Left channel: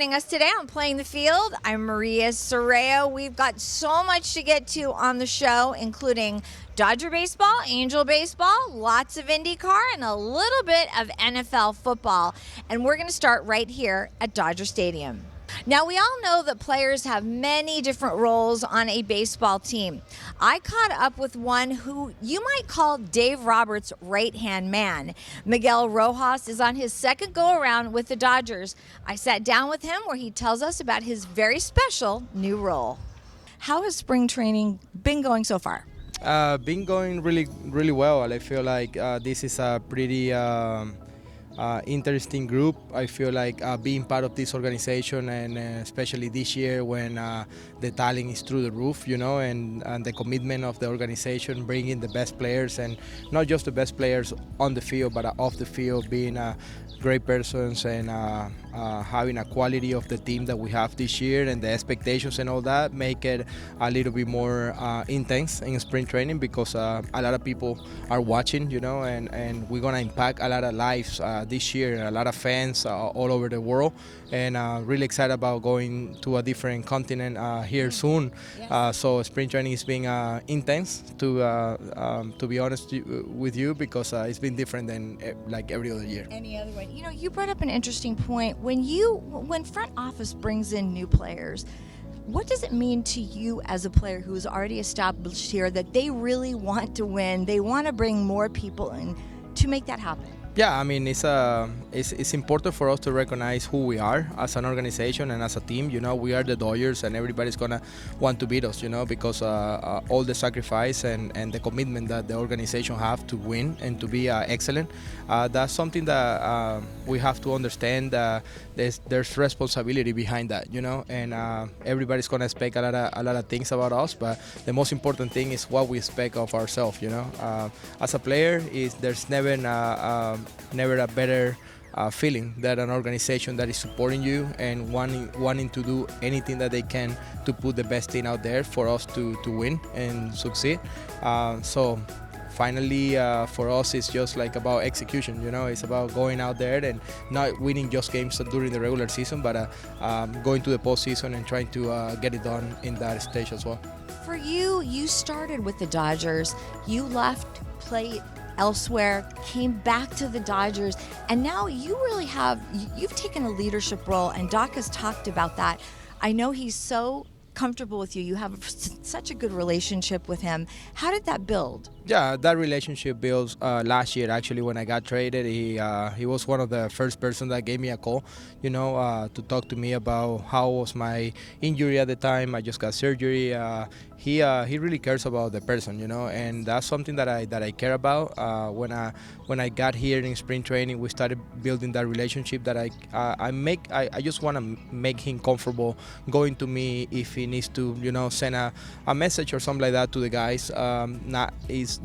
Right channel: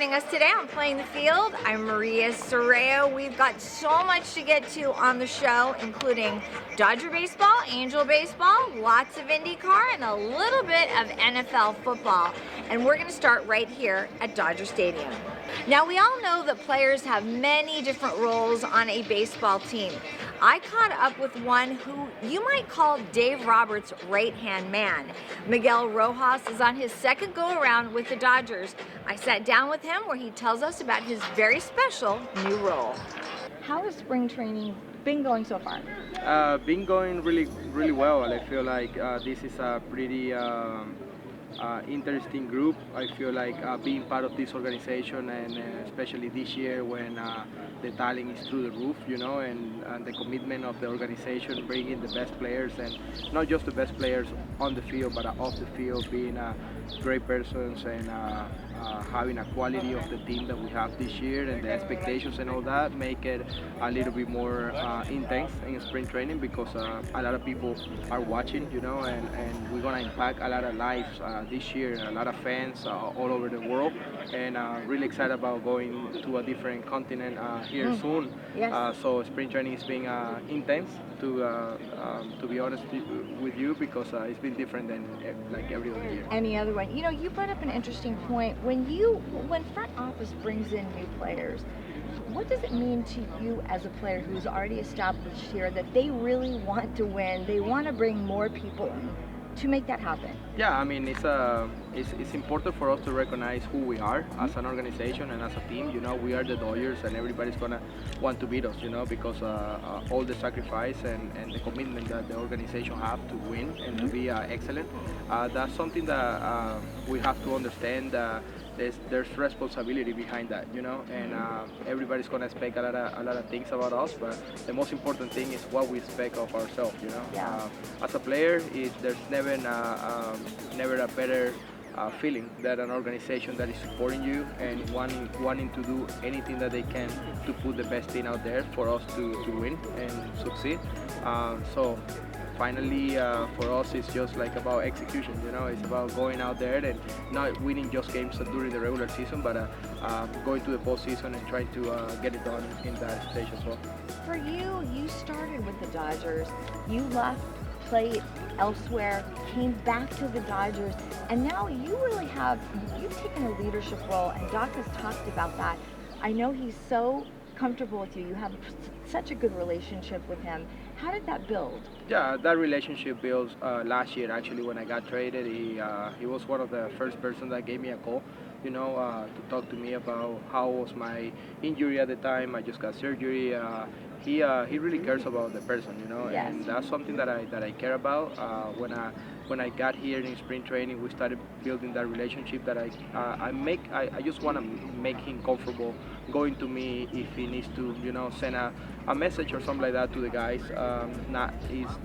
joining us today on Playing the Field. I'm Maria Serrao. We've got so much to get to on the show, including Dodger baseball, Angel baseball, lots of IndyCar, and a little bit of NFL football. And we're going to start right here at Dodger Stadium. Now, we all know that players have many different roles on a baseball team. I caught up with one who you might call Dave Roberts' right-hand man. Miguel Rojas is on his second go-around with the Dodgers. I sat down with him where he tells us about his very special new role. How has spring training been going so far? Been going really well. I feel like this is a pretty interesting group. I feel like being part of this organization, and especially this year when the talent is through the roof, and the commitment of the organization, bringing the best players, and not just the best players on the field, but off the field, being great persons and having a quality of the team that we have this year, and the expectations and all that make it a little bit more intense in spring training, because a lot of people are watching, and we're gonna impact a lot of lives this year, a lot of fans all over the world, and really excited about going to a different continent here soon. Yes. So spring training is being intense, to be honest with you, because it's been different than like every other year. Any other one? You brought up an interesting point. When front office brings in new players, what does it mean to you as a player who is already established here that they really want to win? They want to bring more people in to make that happen. Yeah, I mean, it's important for us to recognize who we are as an organization and as a team. We are the Dodgers, and everybody's gonna want to beat us. Because all the sacrifice and the commitment that the organization have to win and to be excellent. That's something that we have to understand. There's responsibility behind that, and everybody's gonna expect a lot of things about us. But the most important thing is what we expect of ourselves. As a player, there's never a better feeling that an organization that is supporting you and wanting to do anything that they can to put the best thing out there for us to win and succeed. So finally, for us, it's just like about execution. It's about going out there and not winning just games during the regular season, but going to the postseason and trying to get it done in that stage as well. For you started with the Dodgers. You left, played elsewhere, came back to the Dodgers, and now you've taken a leadership role, and Doc has talked about that. I know he's so comfortable with you. You have such a good relationship with him. How did that build? Yeah, that relationship built last year. Actually, when I got traded, he was one of the first person that gave me a call, to talk to me about how was my injury at the time. I just got surgery. He really cares about the person, Yes. and that's something that I care about. When I got here in spring training, we started building that relationship that I just want to make him comfortable going to me if he needs to, send a message or something like that to the guys.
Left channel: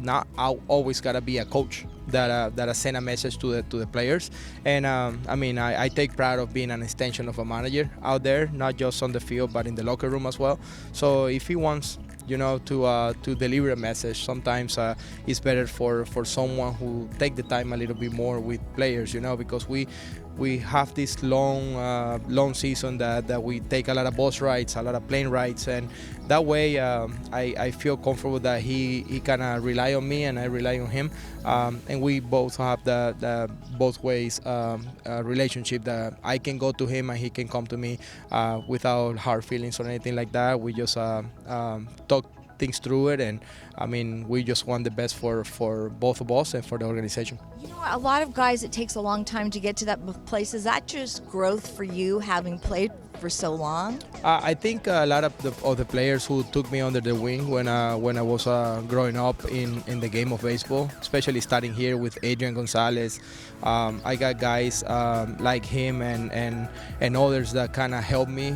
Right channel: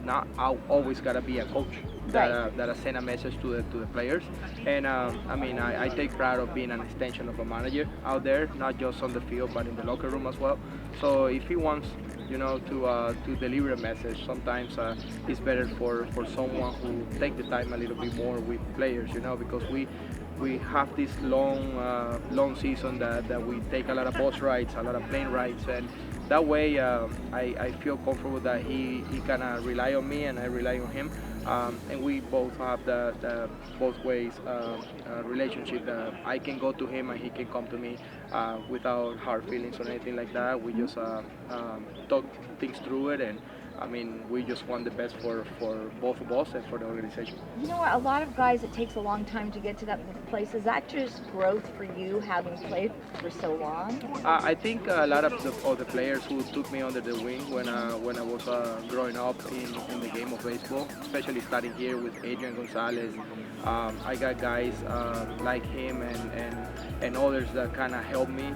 Not always gotta be a coach that send a message to the players. And I take pride of being an extension of a manager out there, not just on the field but in the locker room as well. So if he wants to deliver a message, sometimes it's better for someone who take the time a little bit more with players, because we have this long season that we take a lot of bus rides, a lot of plane rides, and that way I feel comfortable that he can rely on me and I rely on him, and we both have the both ways relationship that I can go to him and he can come to me without hard feelings or anything like that. We just talk things through it, and we just want the best for both of us and for the organization. A lot of guys, it takes a long time to get to that place. Is that just growth for you, having played for so long? I think a lot of the players who took me under the wing when I was growing up in the game of baseball, especially starting here with Adrian Gonzalez. I got guys like him and others that kind of helped me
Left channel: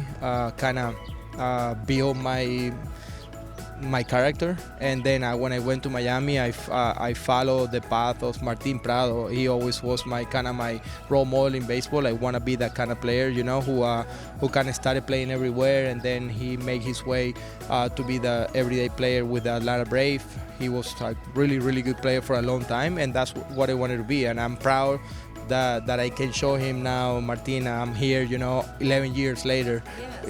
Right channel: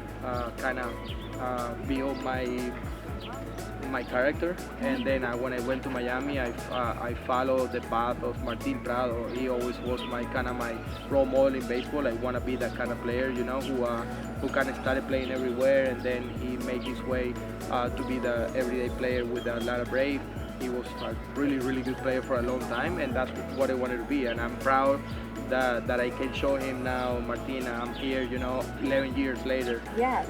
build my character. And then when I went to Miami, I followed the path of Martin Prado. He always was my role model in baseball. I want to be that kind of player, who kind of started playing everywhere, and then he made his way to be the everyday player with the Atlanta Braves. He was a really, really good player for a long time, and that's what I wanted to be. And I'm proud that I can show him now, Martina, I'm here, 11 years later,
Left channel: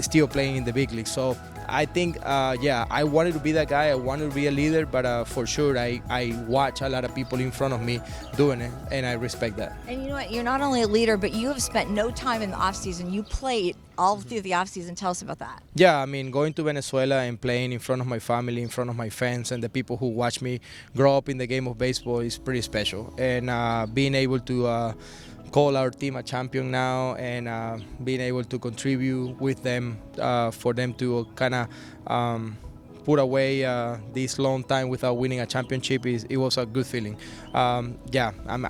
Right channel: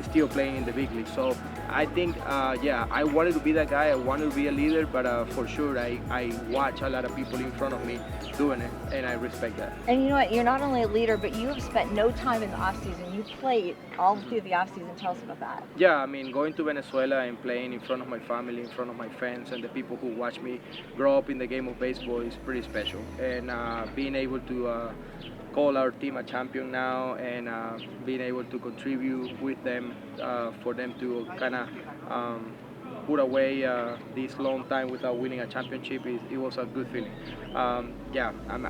still playing in the big league. So I think, I wanted to be that guy. I wanted to be a leader, but for sure, I watch a lot of people in front of me doing it, and I respect that. And you know what? You're not only a leader, but you have spent no time in the off season. You played all through the off season. Tell us about that. Yeah, I mean, going to Venezuela and playing in front of my family, in front of my fans, and the people who watch me grow up in the game of baseball is pretty special. And being able to call our team a champion now, and being able to contribute with them for them to kind of put away this long time without winning a championship, it was a good feeling. I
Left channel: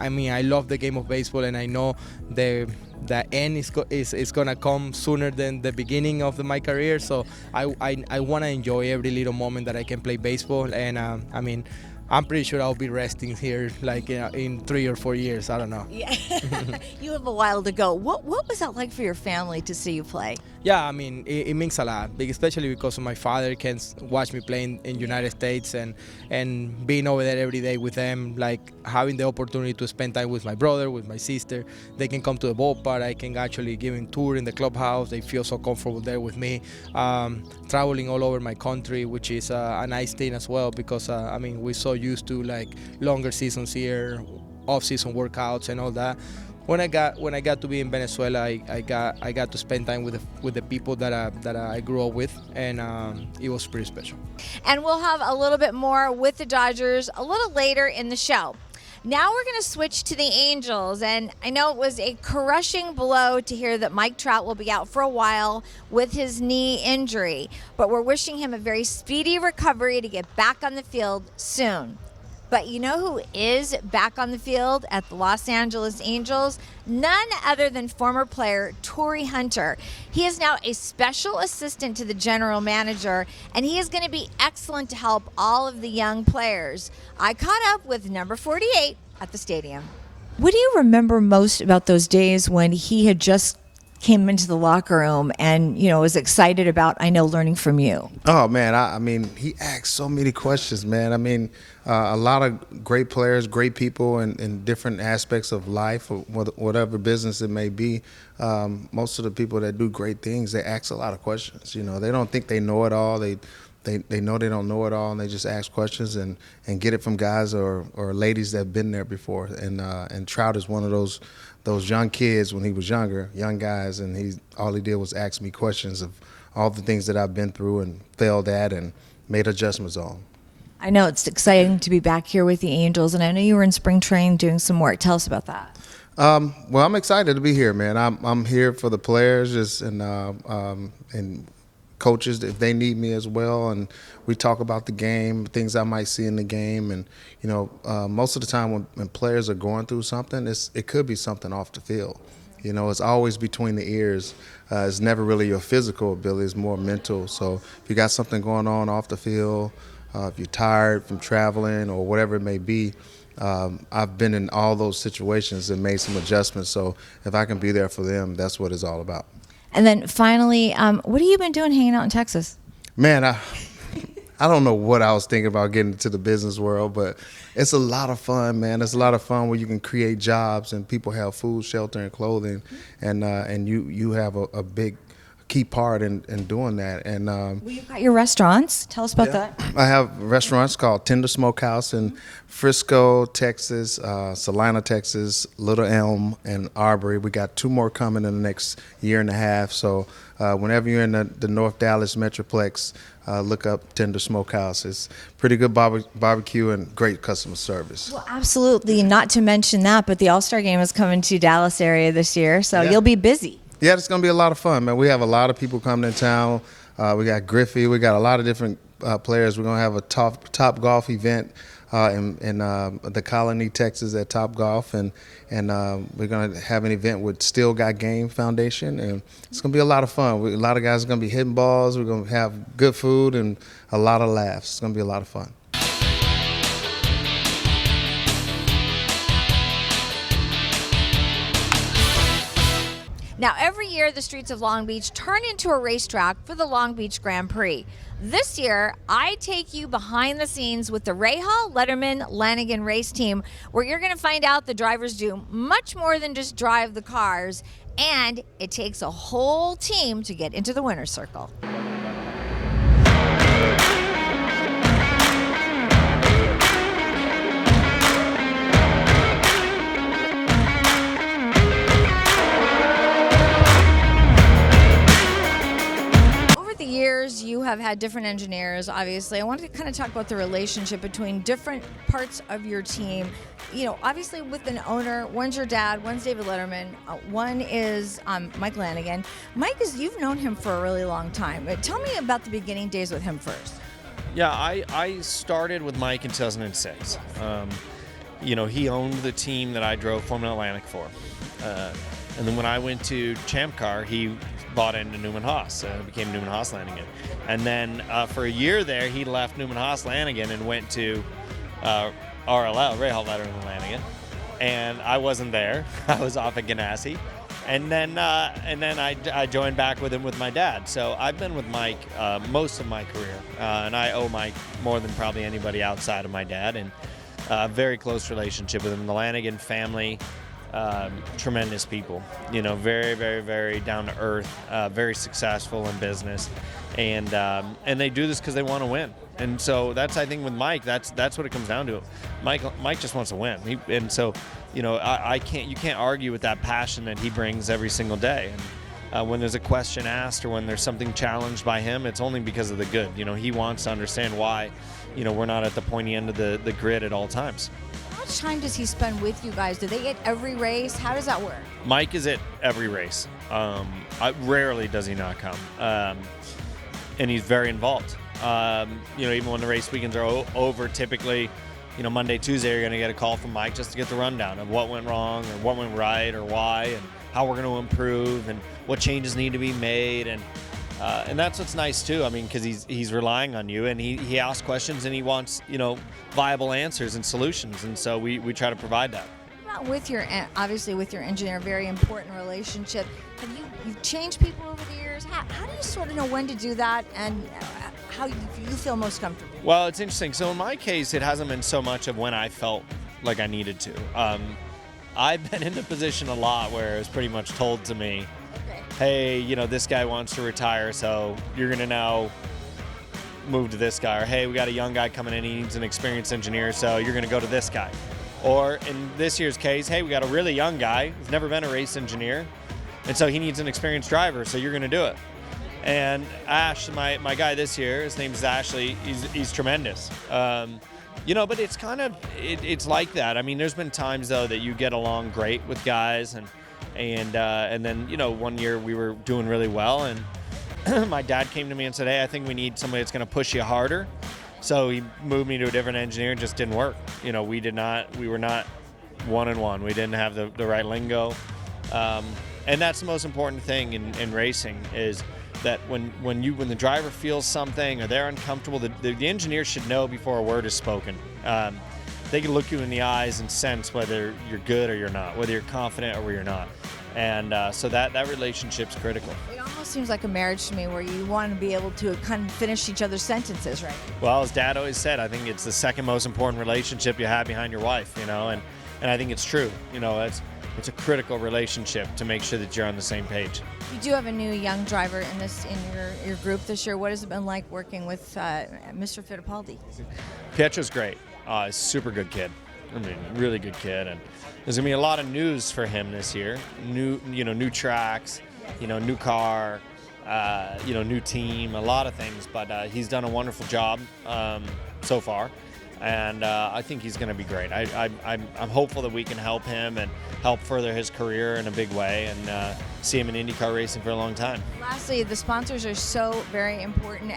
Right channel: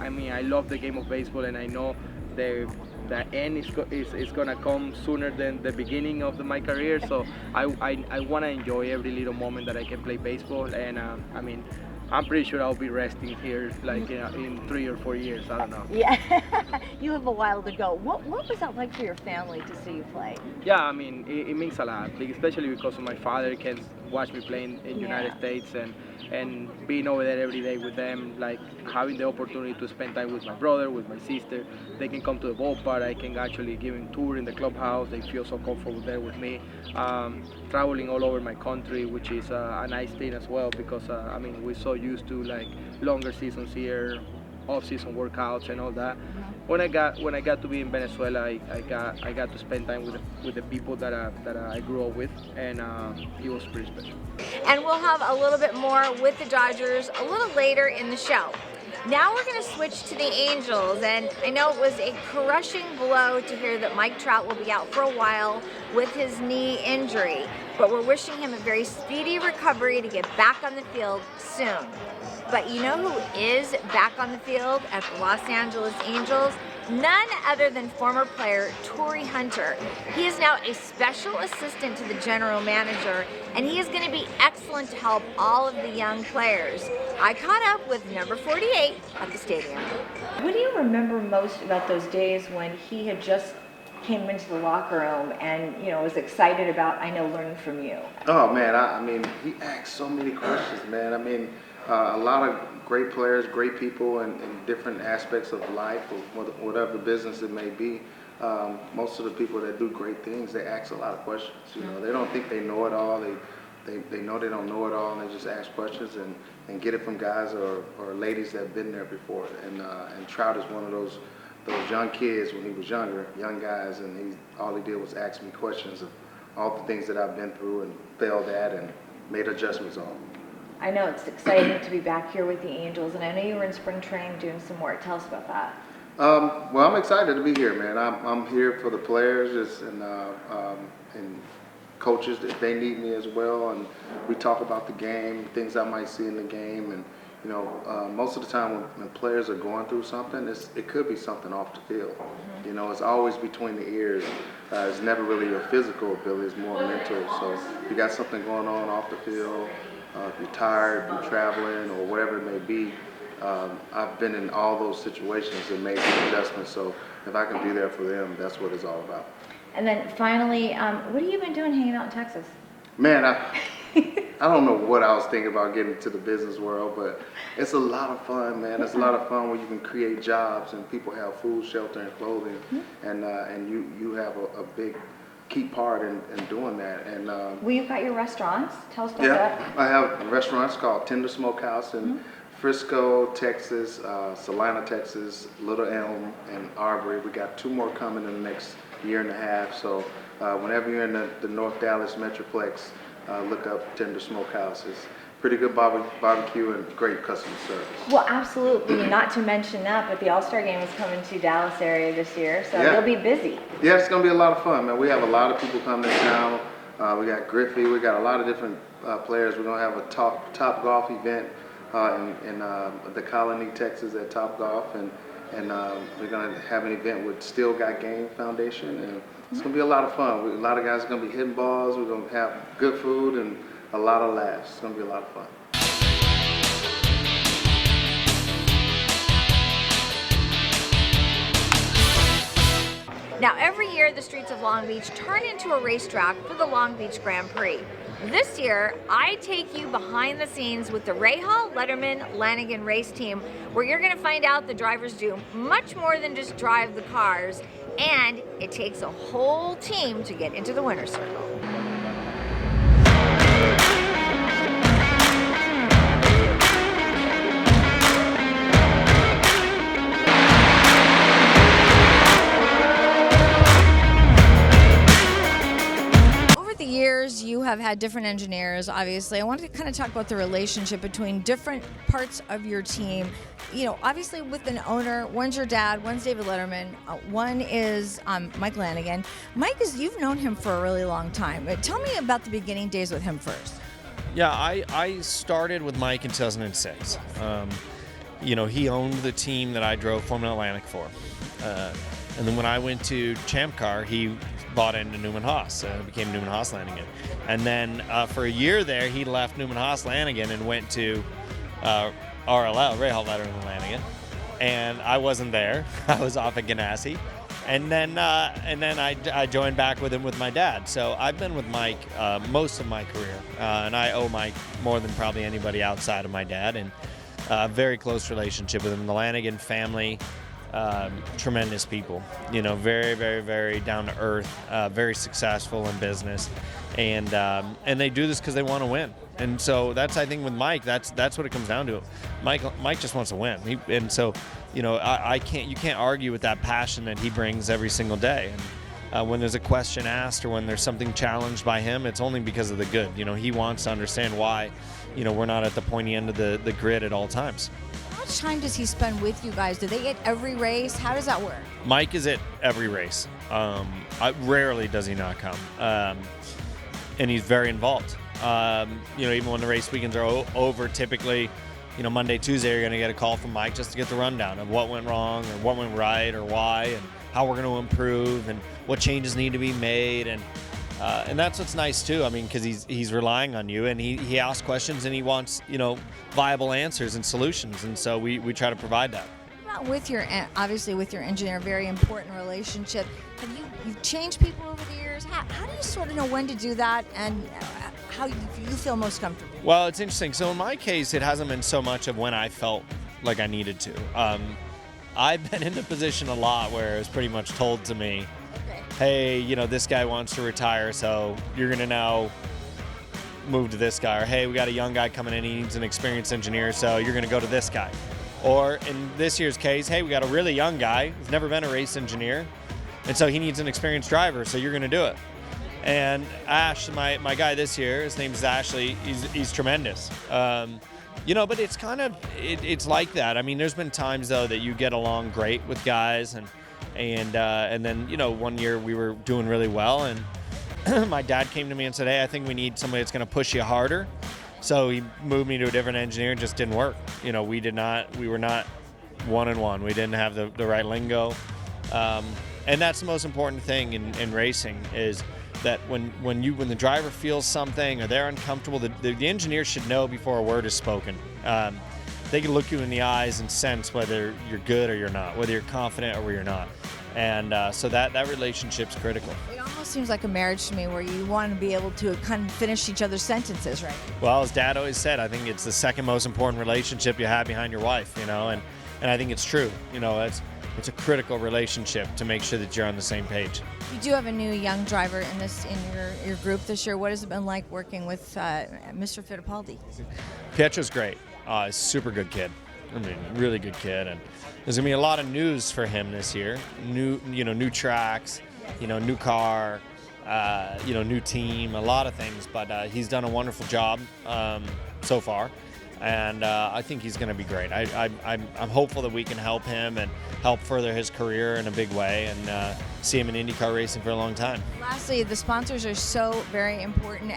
mean, I love the game of baseball, and I know the end is gonna come sooner than the beginning of my career. So I want to enjoy every little moment that I can play baseball, and I mean, I'm pretty sure I'll be resting here like in 3 or 4 years. I don't know. Yeah, you have a while to go. What was that like for your family to see you play? Yeah, I mean, it means a lot, especially because my father can watch me play in the United States, and being over there every day with them, like having the opportunity to spend time with my brother, with my sister. They can come to the ballpark. I can actually give them a tour in the clubhouse. They feel so comfortable there with me. Traveling all over my country, which is a nice thing as well, because I mean, we're so used to like longer seasons here, off-season workouts and all that. When I got to be in Venezuela, I got to spend time with the people that I grew up with, and it was pretty special. And we'll have a little bit more with the Dodgers a little later in the show. Now we're going to switch to the Angels, and I know it was a crushing blow to hear that Mike Trout will be out for a while with his knee injury, but we're wishing him a very speedy recovery to get back on the field soon. But you know who is back on the field at the Los Angeles Angels? None other than former player Torrey Hunter. He is now a special assistant to the general manager, and he is going to be excellent to help all of the young players. I caught up with number 48 at the stadium. What do you remember most about those days when he had just came into the locker room and, was excited about, learning from you? Oh, man, I mean, he asked so many questions, man. I mean, a lot of great players, great people in different aspects of life, or whatever business it may be. Most of the people that do great things, they ask a lot of questions. They don't think they know it all. They know they don't know it all, and they just ask questions and get it from guys or ladies that have been there before. And Trout is one of those young kids when he was younger, young guys, and all he did was ask me questions of all the things that I've been through and failed at and made adjustments on. I know it's exciting to be back here with the Angels, and I know you were in spring training doing some work. Tell us about that. Well, I'm excited to be here, man. I'm here for the players and coaches if they need me as well, and we talk about the game, things I might see in the game, and most of the time when players are going through something, it could be something off the field. It's always between the ears. It's never really your physical ability; it's more mental. So if you got something going on off the field, if you're tired from traveling or whatever it may be, I've been in all those situations and made some adjustments. So if I can be there for them, that's what it's all about. And then finally, what have you been doing hanging out in Texas? Man, I don't know what I was thinking about getting into the business world, but it's a lot of fun, man. It's a lot of fun when you can create jobs and people have food, shelter, and clothing, and you have a big key part in doing that. And well, you've got your restaurants. Tell us about that. I have restaurants called Tender Smokehouse in Frisco, Texas, Salina, Texas, Little Elm, and Arbery. We got 2 more coming in the next year and a half. So whenever you're in the North Dallas Metroplex, look up Tender Smokehouse. It's pretty good barbecue and great customer service. Well, absolutely. Not to mention that, but the All-Star Game is coming to Dallas area this year, so you'll be busy. Yeah, it's going to be a lot of fun, man. We have a lot of people coming to town. We got Griffey. We got a lot of different players. We're going to have a top golf event in the Colony, Texas at Top Golf, and we're going to have an event with Still Got Game Foundation, and it's going to be a lot of fun. A lot of guys are going to be hitting balls. We're going to have good food and a lot of laughs. It's going to be a lot of fun. Now, every year, the streets of Long Beach turn into a racetrack for the Long Beach Grand Prix. This year, I take you behind the scenes with the Rahal Letterman Lanigan Race team, where you're going to find out the drivers do much more than just drive the cars, and it takes a whole team to get into the winner's circle. Years you have had different engineers. Obviously, I wanted to kind of talk about the relationship between different parts of your team. You know, obviously with an owner, one's your dad, one's David Letterman, one is Mike Lanigan. Mike, you've known him for a really long time. Tell me about the beginning days with him first. Yeah, I started with Mike in 2006. You know, he owned the team that I drove Formula Atlantic for. And then when I went to Champ Car, he bought into Newman Haas, became Newman Haas Lanigan. And then for a year there, he left Newman Haas Lanigan and went to RLL, Rahal Letterman Lanigan. And I wasn't there. I was off at Ganassi. And then I joined back with him with my dad. So I've been with Mike most of my career. And I owe Mike more than probably anybody outside of my dad. And a very close relationship with him. The Lanigan family, tremendous people, you know, very, very, very down to earth, very successful in business, and they do this because they want to win. And so that's, I think, with Mike, that's what it comes down to. Mike just wants to win, and so, you know, you can't argue with that passion that he brings every single day. And when there's a question asked or when there's something challenged by him, it's only because of the good. You know, he wants to understand why, you know, we're not at the pointy end of the grid at all times. How much time does he spend with you guys? Do they get every race? How does that work? Mike is at every race. Rarely does he not come. And he's very involved. You know, even when the race weekends are over, typically, you know, Monday, Tuesday, you're going to get a call from Mike just to get the rundown of what went wrong or what went right or why and how we're going to improve and what changes need to be made. And that's what's nice too. I mean, because he's relying on you, and he asks questions, and he wants, you know, viable answers and solutions, and so we try to provide that. What about with your, obviously with your engineer, very important relationship. Have you've changed people over the years? How do you sort of know when to do that, and how you feel most comfortable? Well, it's interesting. So in my case, it hasn't been so much of when I felt like I needed to. I've been in the position a lot where it was pretty much told to me, hey, you know, this guy wants to retire, so you're going to now move to this guy. Or, hey, we got a young guy coming in, he needs an experienced engineer, so you're going to go to this guy. Or in this year's case, hey, we got a really young guy who's never been a race engineer, and so he needs an experienced driver, so you're going to do it. And Ash, my guy this year, his name's Ashley, he's tremendous. You know, but it's kind of, it's like that. I mean, there's been times, though, that you get along great with guys, and then, you know, one year we were doing really well, and my dad came to me and said, hey, I think we need somebody that's going to push you harder. So he moved me to a different engineer. It just didn't work. You know, we were not one-on-one. We didn't have the right lingo. And that's the most important thing in racing, is that when the driver feels something or they're uncomfortable, the engineer should know before a word is spoken. They can look you in the eyes and sense whether you're good or you're not, whether you're confident or you're not. And so that relationship's critical. It almost seems like a marriage to me, where you want to be able to kind of finish each other's sentences, right? Well, as Dad always said, I think it's the second most important relationship you have behind your wife, you know, and I think it's true. You know, it's a critical relationship to make sure that you're on the same page. You do have a new young driver in your group this year. What has it been like working with Mr. Fittipaldi? Pietro's great. He's a super good kid. I mean, really good kid, and there's gonna be a lot of news for him this year. New tracks, you know, new car, you know, new team, a lot of things. But he's done a wonderful job so far, and I think he's going to be great. I'm hopeful that we can help him and help further his career in a big way, and see him in IndyCar racing for a long time. Lastly, the sponsors are so very important.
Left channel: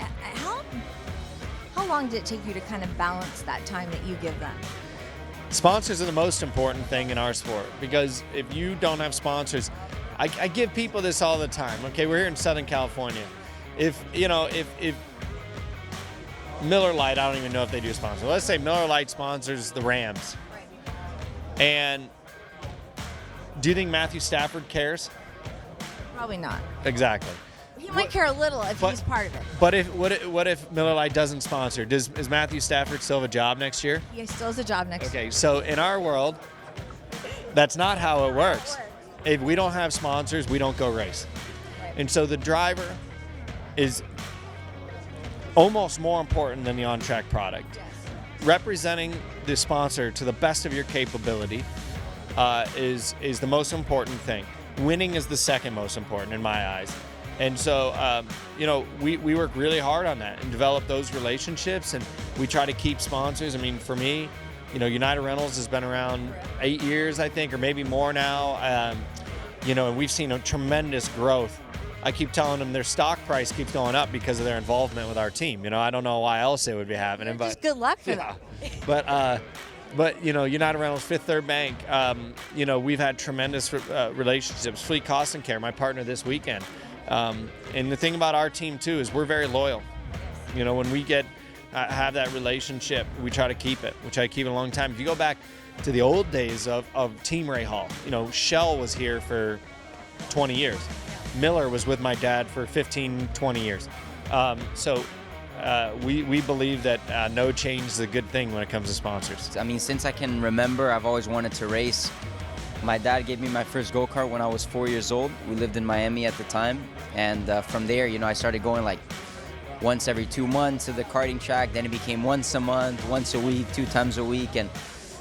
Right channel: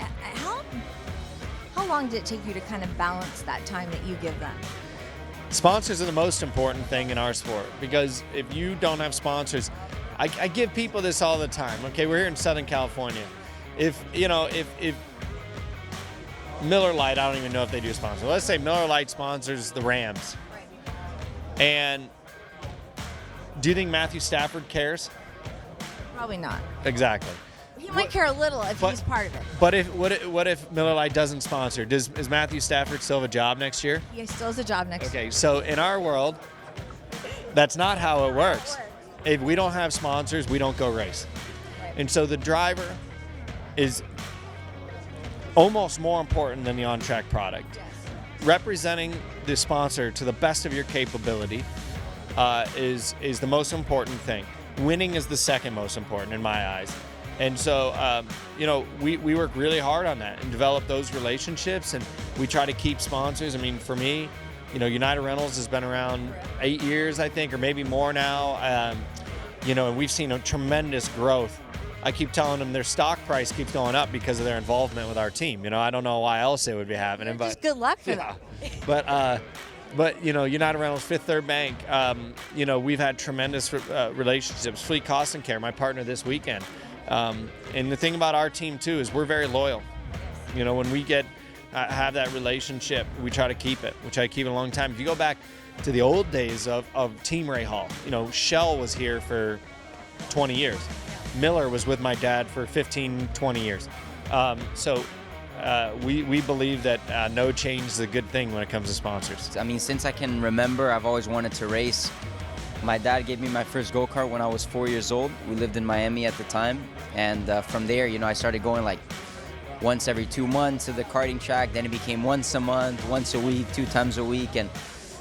How long did it take you to kind of balance that time that you give them? Sponsors are the most important thing in our sport, because if you don't have sponsors, I give people this all the time. Okay, we're here in Southern California. If Miller Lite, I don't even know if they do sponsor. Let's say Miller Lite sponsors the Rams. And do you think Matthew Stafford cares? Probably not. Exactly. He might care a little if he's part of it. But what if Miller Lite doesn't sponsor? Is Matthew Stafford still have a job next year? He still has a job next year. Okay, so in our world, that's not how it works. If we don't have sponsors, we don't go race. And so the driver is almost more important than the on-track product. Representing the sponsor to the best of your capability is the most important thing. Winning is the second most important in my eyes. And so, we work really hard on that and develop those relationships, and we try to keep sponsors. I mean, for me, United Rentals has been around 8 years, I think, or maybe more now. And we've seen a tremendous growth. I keep telling them their stock price keeps going up because of their involvement with our team. I don't know why else it would be happening. Just good luck for them. But United Rentals, Fifth Third Bank, we've had tremendous relationships. Fleet Cost and Care, my partner this weekend. And the thing about our team too is we're very loyal. When we have that relationship, we try to keep it. We try to keep it a long time. If you go back to the old days of Team Rahal, Shell was here for 20 years. Miller was with my dad for 15, 20 years. We believe that no change is a good thing when it comes to sponsors. I mean, since I can remember, I've always wanted to race. My dad gave me my first go-kart when I was 4 years old. We lived in Miami at the time. And from there, I started going like once every 2 months to the karting track. Then it became once a month, once a week, 2 times a week. And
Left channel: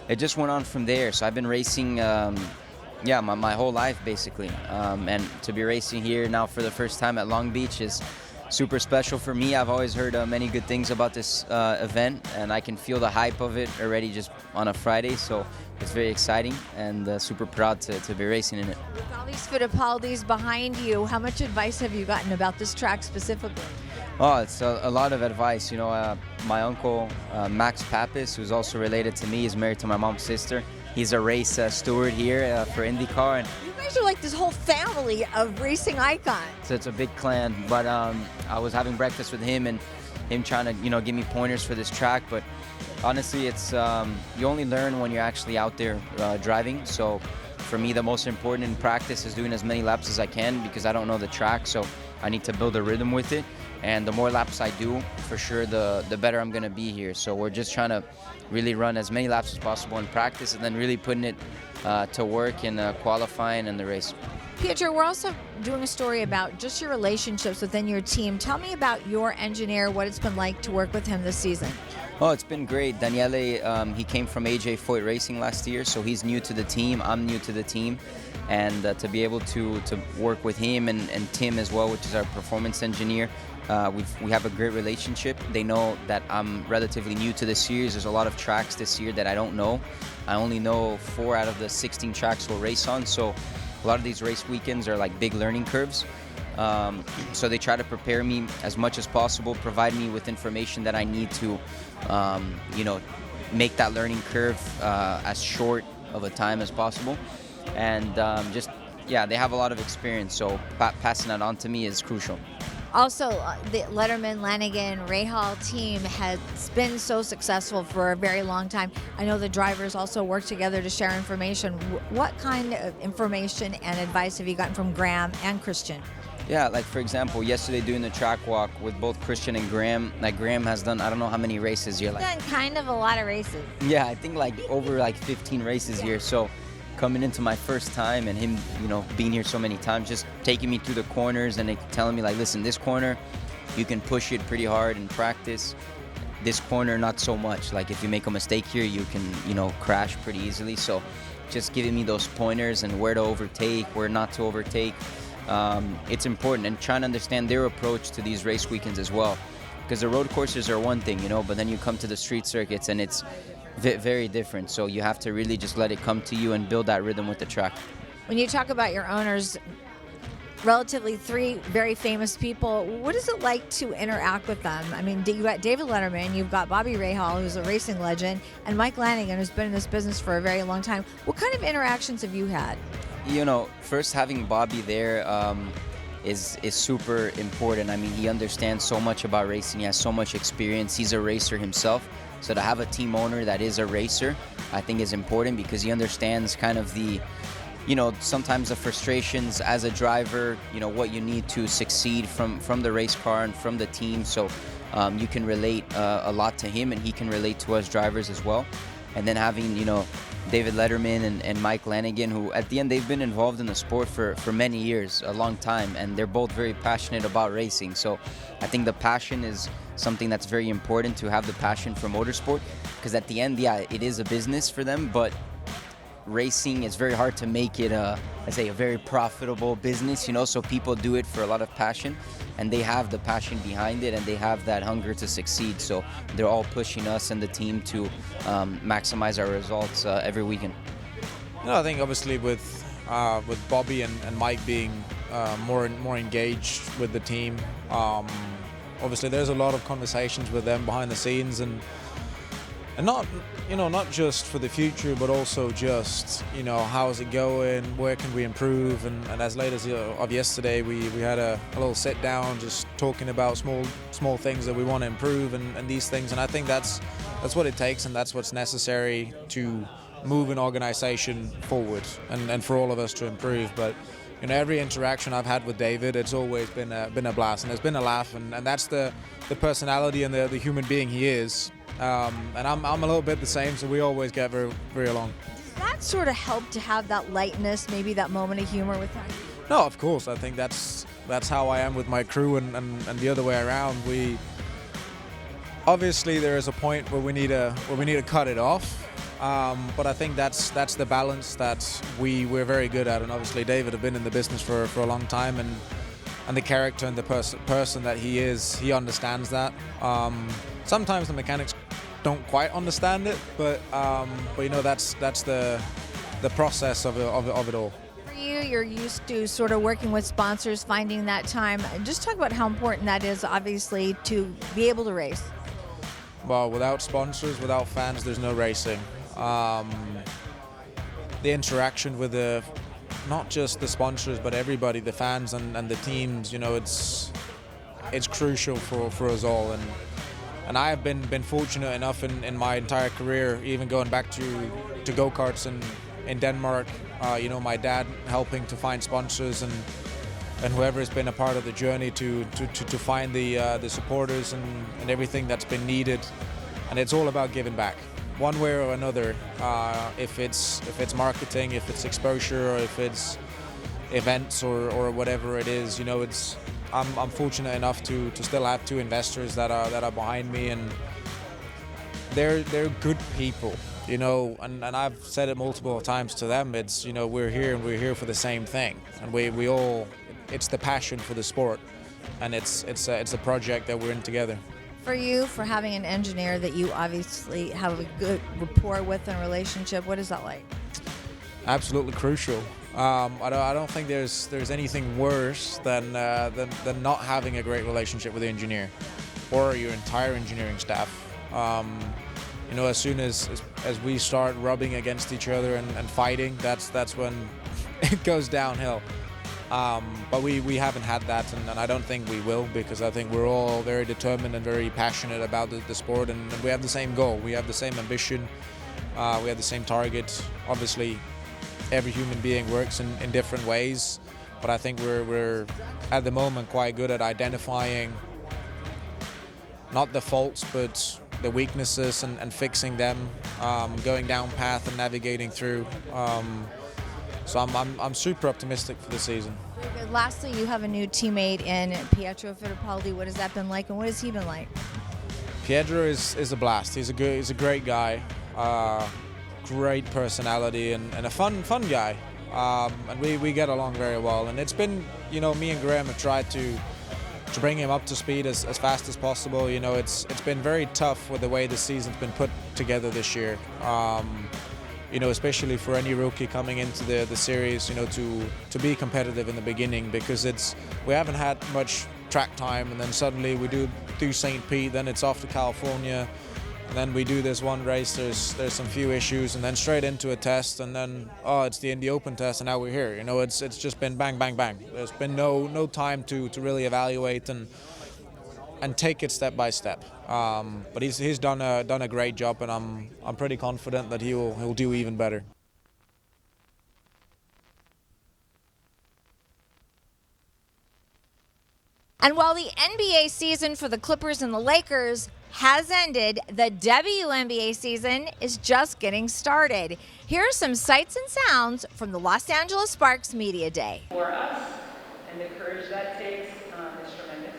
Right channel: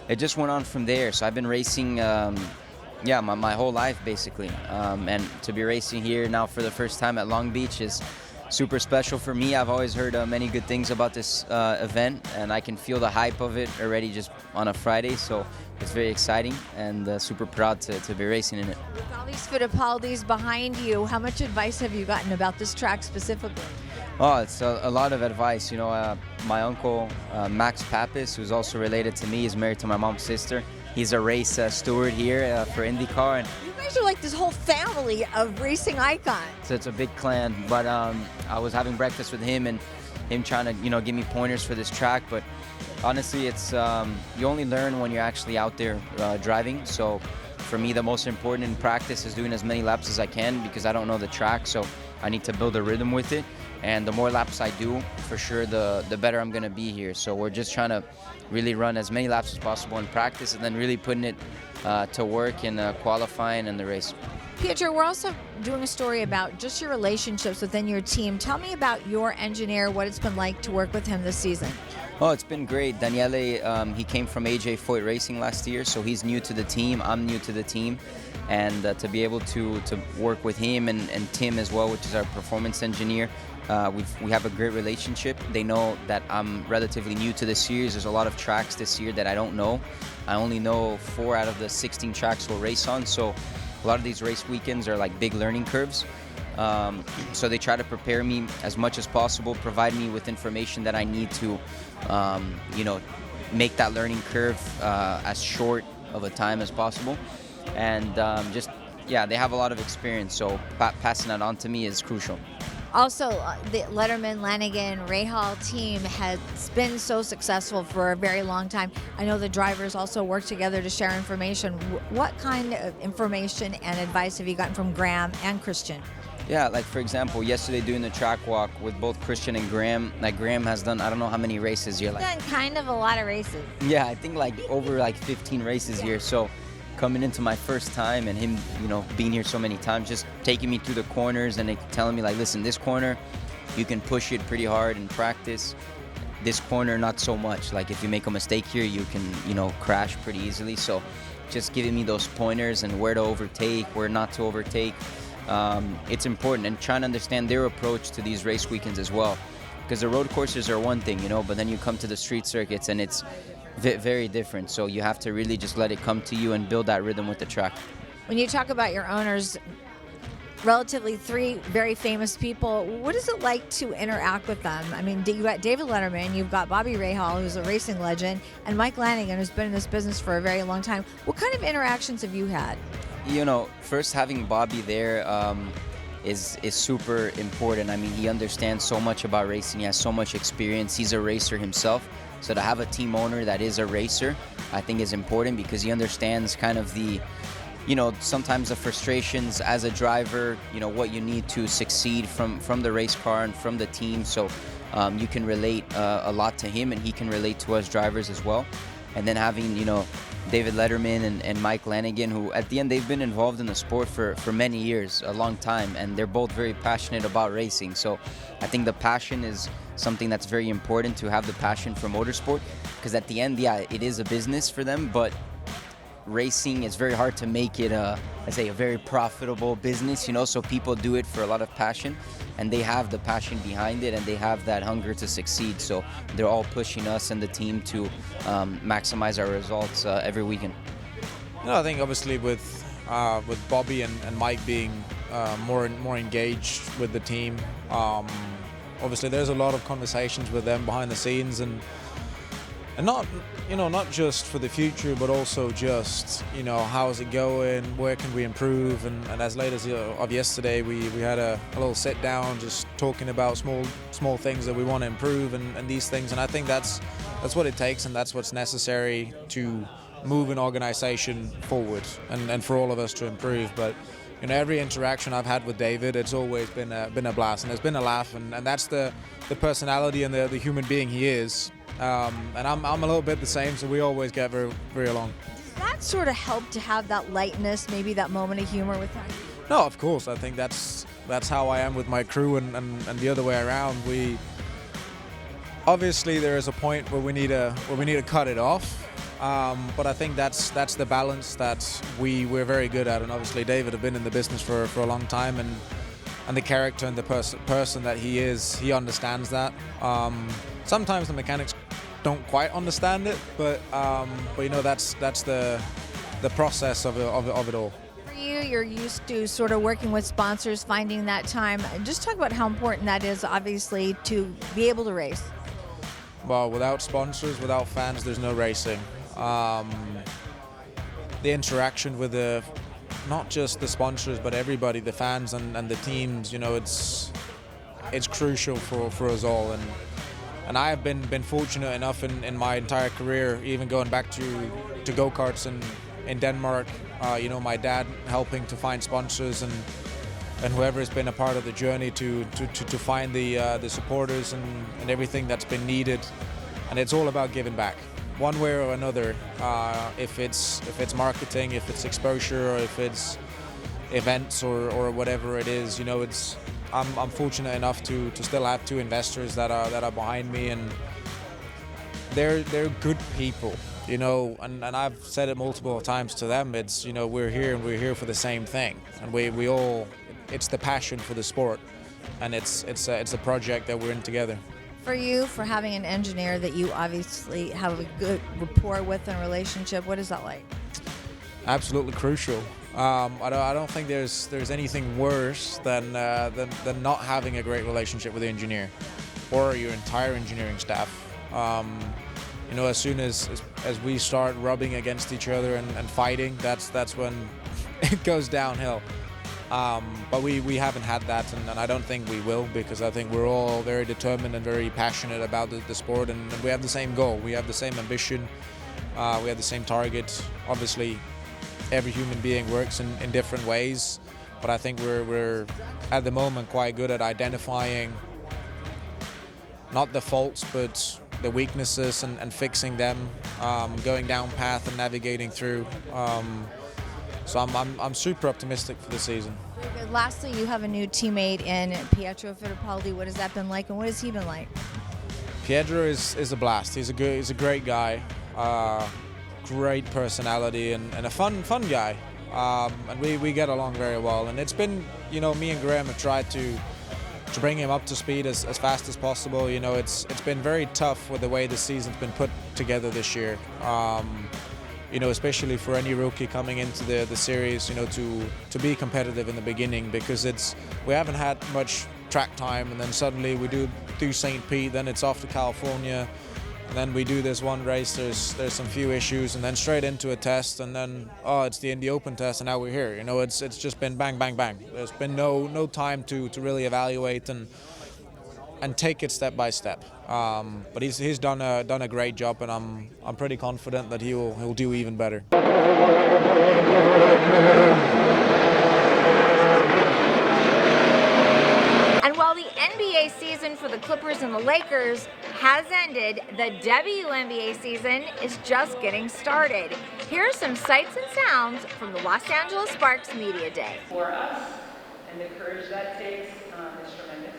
it just went on from there. So I've been racing, my whole life, basically. And to be racing here now for the first time at Long Beach is super special for me. I've always heard many good things about this event, and I can feel the hype of it already just on a Friday. So it's very exciting and super proud to be racing in it. With all these Fittipaldis behind you, how much advice have you gotten about this track specifically? Oh, it's a lot of advice. My uncle, Max Pappas, who's also related to me, is married to my mom's sister. He's a race steward here for IndyCar. And you guys are like this whole family of racing icons. so it's a big clan. But I was having breakfast with him and him trying to, give me pointers for this track. But honestly, it's you only learn when you're actually out there driving. So for me, the most important in practice is doing as many laps as I can because I don't know the track. So I need to build a rhythm with it. And the more laps I do, for sure, the better I'm going to be here. So we're just trying to really run as many laps as possible in practice and then really putting it to work in qualifying and the race. Pietro, we're also doing a story about just your relationships within your team. Tell me about your engineer, what it's been like to work with him this season. Oh, it's been great. Daniele, he came from AJ Foyt Racing last year, so he's new to the team. I'm new to the team. And to be able to work with him and Tim as well, which is our performance engineer, we have a great relationship. They know that I'm relatively new to the series. There's a lot of tracks this year that I don't know. I only know 4 out of the 16 tracks we'll race on, so a lot of these race weekends are like big learning curves. So they try to prepare me as much as possible, provide me with information that I need to, make that learning curve as short of a time as possible. And they have a lot of experience, so passing that on to me is crucial. Also, the Letterman Lanigan Rahal team has been so successful for a very long time. I know the drivers also work together to share information. What kind of information and advice have you gotten from Graham and Christian? Yeah, like for example, yesterday doing the track walk with both Christian and Graham, like Graham has done, I don't know how many races here. He's done kind of a lot of races. Yeah, I think like over 15 races here. So coming into my first time and him, being here so many times, just taking me through the corners and telling me like, listen, this corner, you can push it pretty hard in practice. This corner, not so much. Like if you make a mistake here, you can, crash pretty easily. So just giving me those pointers and where to overtake, where not to overtake. It's important, and trying to understand their approach to these race weekends as well. Because the road courses are one thing, but then you come to the street circuits and it's very different. So you have to really just let it come to you and build that rhythm with the track. When you talk about your owners, relatively 3 very famous people, what is it like to interact with them? I mean, you got David Letterman, you've got Bobby Rahal, who's a racing legend, and Mike Lanigan, who's been in this business for a very long time. What kind of interactions have you had? First having Bobby there is super important. I mean, he understands so much about racing. He has so much experience. He's a racer himself. So to have a team owner that is a racer, I think is important because he understands kind of the sometimes the frustrations as a driver, what you need to succeed from the race car and from the team. So you can relate a lot to him, and he can relate to us drivers as well. And then having, David Letterman and Mike Lanigan, who at the end they've been involved in the sport for many years, a long time, and they're both very passionate about racing. So I think the passion is something that's very important, to have the passion for motorsport, because at the end, yeah, it is a business for them, but racing, it's very hard to make it a very profitable business, so people do it for a lot of passion, and they have the passion behind it, and they have that hunger to succeed. So they're all pushing us and the team to maximize our results every weekend. I think obviously with Bobby and Mike being more engaged with the team, obviously there's a lot of conversations with them behind the scenes, and not not just for the future, but also just how's it going, where can we improve, and as late as of yesterday we had a little sit down just talking about small things that we want to improve and these things, and I think that's what it takes, and that's what's necessary to move an organization forward and for all of us to improve. But every interaction I've had with David, it's always been a blast, and it's been a laugh, and that's the personality and the human being he is. And I'm a little bit the same, so we always get very, very along. Does that sort of help to have that lightness, maybe that moment of humor with him? No, of course. I think that's how I am with my crew, and the other way around. We obviously there is a point where we need to cut it off, but I think that's the balance that we're very good at. And obviously David have been in the business for a long time, and the character and the person that he is, he understands that. Sometimes the mechanics don't quite understand it, but that's the process of it all. For you, you're used to sort of working with sponsors, finding that time. Just talk about how important that is, obviously, to be able to race. Well, without sponsors, without fans, there's no racing. The interaction with not just the sponsors, but everybody, the fans and the teams, it's crucial for us all. And I have been fortunate enough in my entire career, even going back to go-karts in Denmark, my dad helping to find sponsors and whoever has been a part of the journey to find the supporters and everything that's been needed. And it's all about giving back, one way or another. If it's marketing, if it's exposure, or if it's events or whatever it is, I'm fortunate enough to still have two investors that are behind me, and they're good people, and I've said it multiple times to them. It's we're here for the same thing, and we all, it's the passion for the sport, and it's a project that we're in together. For you, for having an engineer that you obviously have a good rapport with and relationship, what is that like? Absolutely crucial. I don't think there's anything worse than not having a great relationship with the engineer or your entire engineering staff. As soon as we start rubbing against each other and fighting, that's when it goes downhill. But we haven't had that, and I don't think we will, because I think we're all very determined and very passionate about the sport, and we have the same goal. We have the same ambition. We have the same target. Obviously, every human being works in different ways, but I think we're at the moment quite good at identifying not the faults, but the weaknesses and fixing them, going down path and navigating through. So I'm super optimistic for the season. Very good. Lastly, you have a new teammate in Pietro Fittipaldi. What has that been like, and what has he been like? Pietro is a blast. He's a great guy. Great personality and a fun guy, and we get along very well. And it's been, me and Graham have tried to bring him up to speed as fast as possible. It's been very tough with the way the season's been put together this year. Especially for any rookie coming into the series, to be competitive in the beginning, because we haven't had much track time, and then suddenly we do St. Pete, then it's off to California. And then we do this one race, there's some few issues, and then straight into a test, and then it's the Indy Open test, and now we're here. It's just been bang, bang, bang. There's been no time to really evaluate and take it step by step. But he's done a great job, and I'm pretty confident that he'll do even better. season for the Clippers and the Lakers has ended. The WNBA season is just getting started. Here are some sights and sounds from the Los Angeles Sparks Media Day. For us, and the courage that takes is tremendous.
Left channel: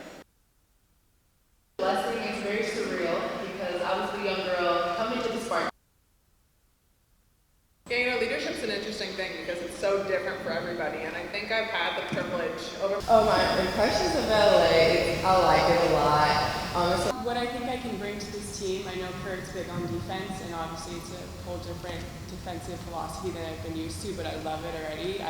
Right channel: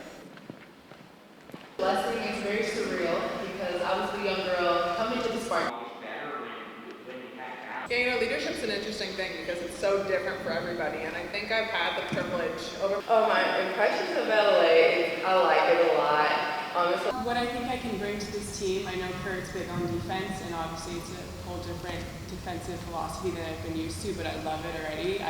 Blessing is very surreal because I was the young girl coming to the Sparks. Yeah, you know, leadership's an interesting thing because it's so different for everybody, and I think I've had the privilege over. Oh, my impressions of LA, I like it a lot. Honestly, what I think I can bring to this team, I know Kurt's big on defense, and obviously it's a whole different defensive philosophy than I've been used to, but I love it already.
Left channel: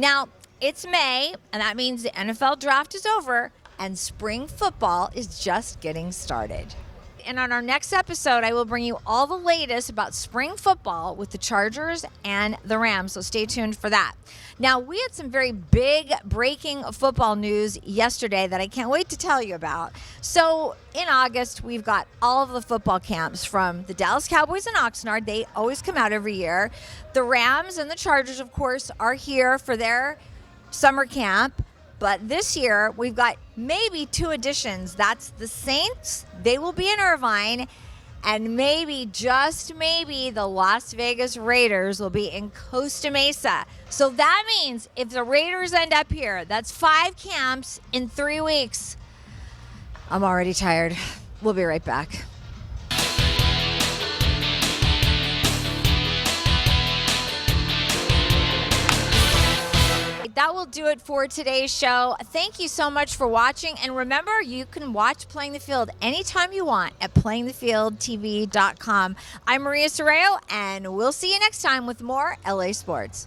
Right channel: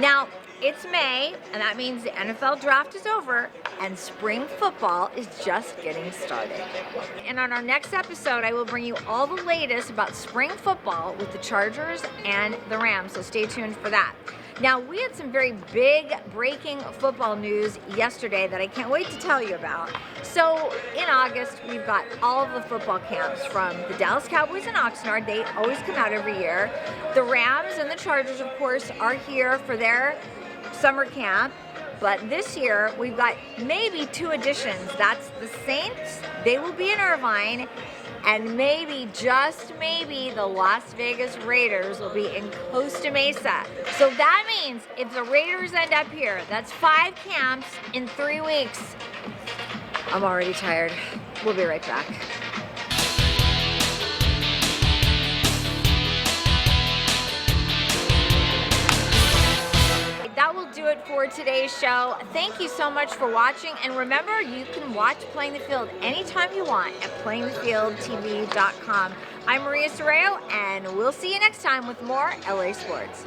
Now, it's May, and that means the NFL draft is over, and spring football is just getting started. And on our next episode, I will bring you all the latest about spring football with the Chargers and the Rams, so stay tuned for that. Now, we had some very big breaking football news yesterday that I can't wait to tell you about. So, in August, we've got all of the football camps from the Dallas Cowboys in Oxnard. They always come out every year. The Rams and the Chargers, of course, are here for their summer camp. But this year, we've got maybe 2 additions. That's the Saints. They will be in Irvine. And maybe, just maybe, the Las Vegas Raiders will be in Costa Mesa. So that means if the Raiders end up here, that's 5 camps in 3 weeks. I'm already tired. We'll be right back. That will do it for today's show. Thank you so much for watching. And remember, you can watch Playing the Field anytime you want at playingthefieldtv.com. I'm Maria Serrao, and we'll see you next time with more LA Sports.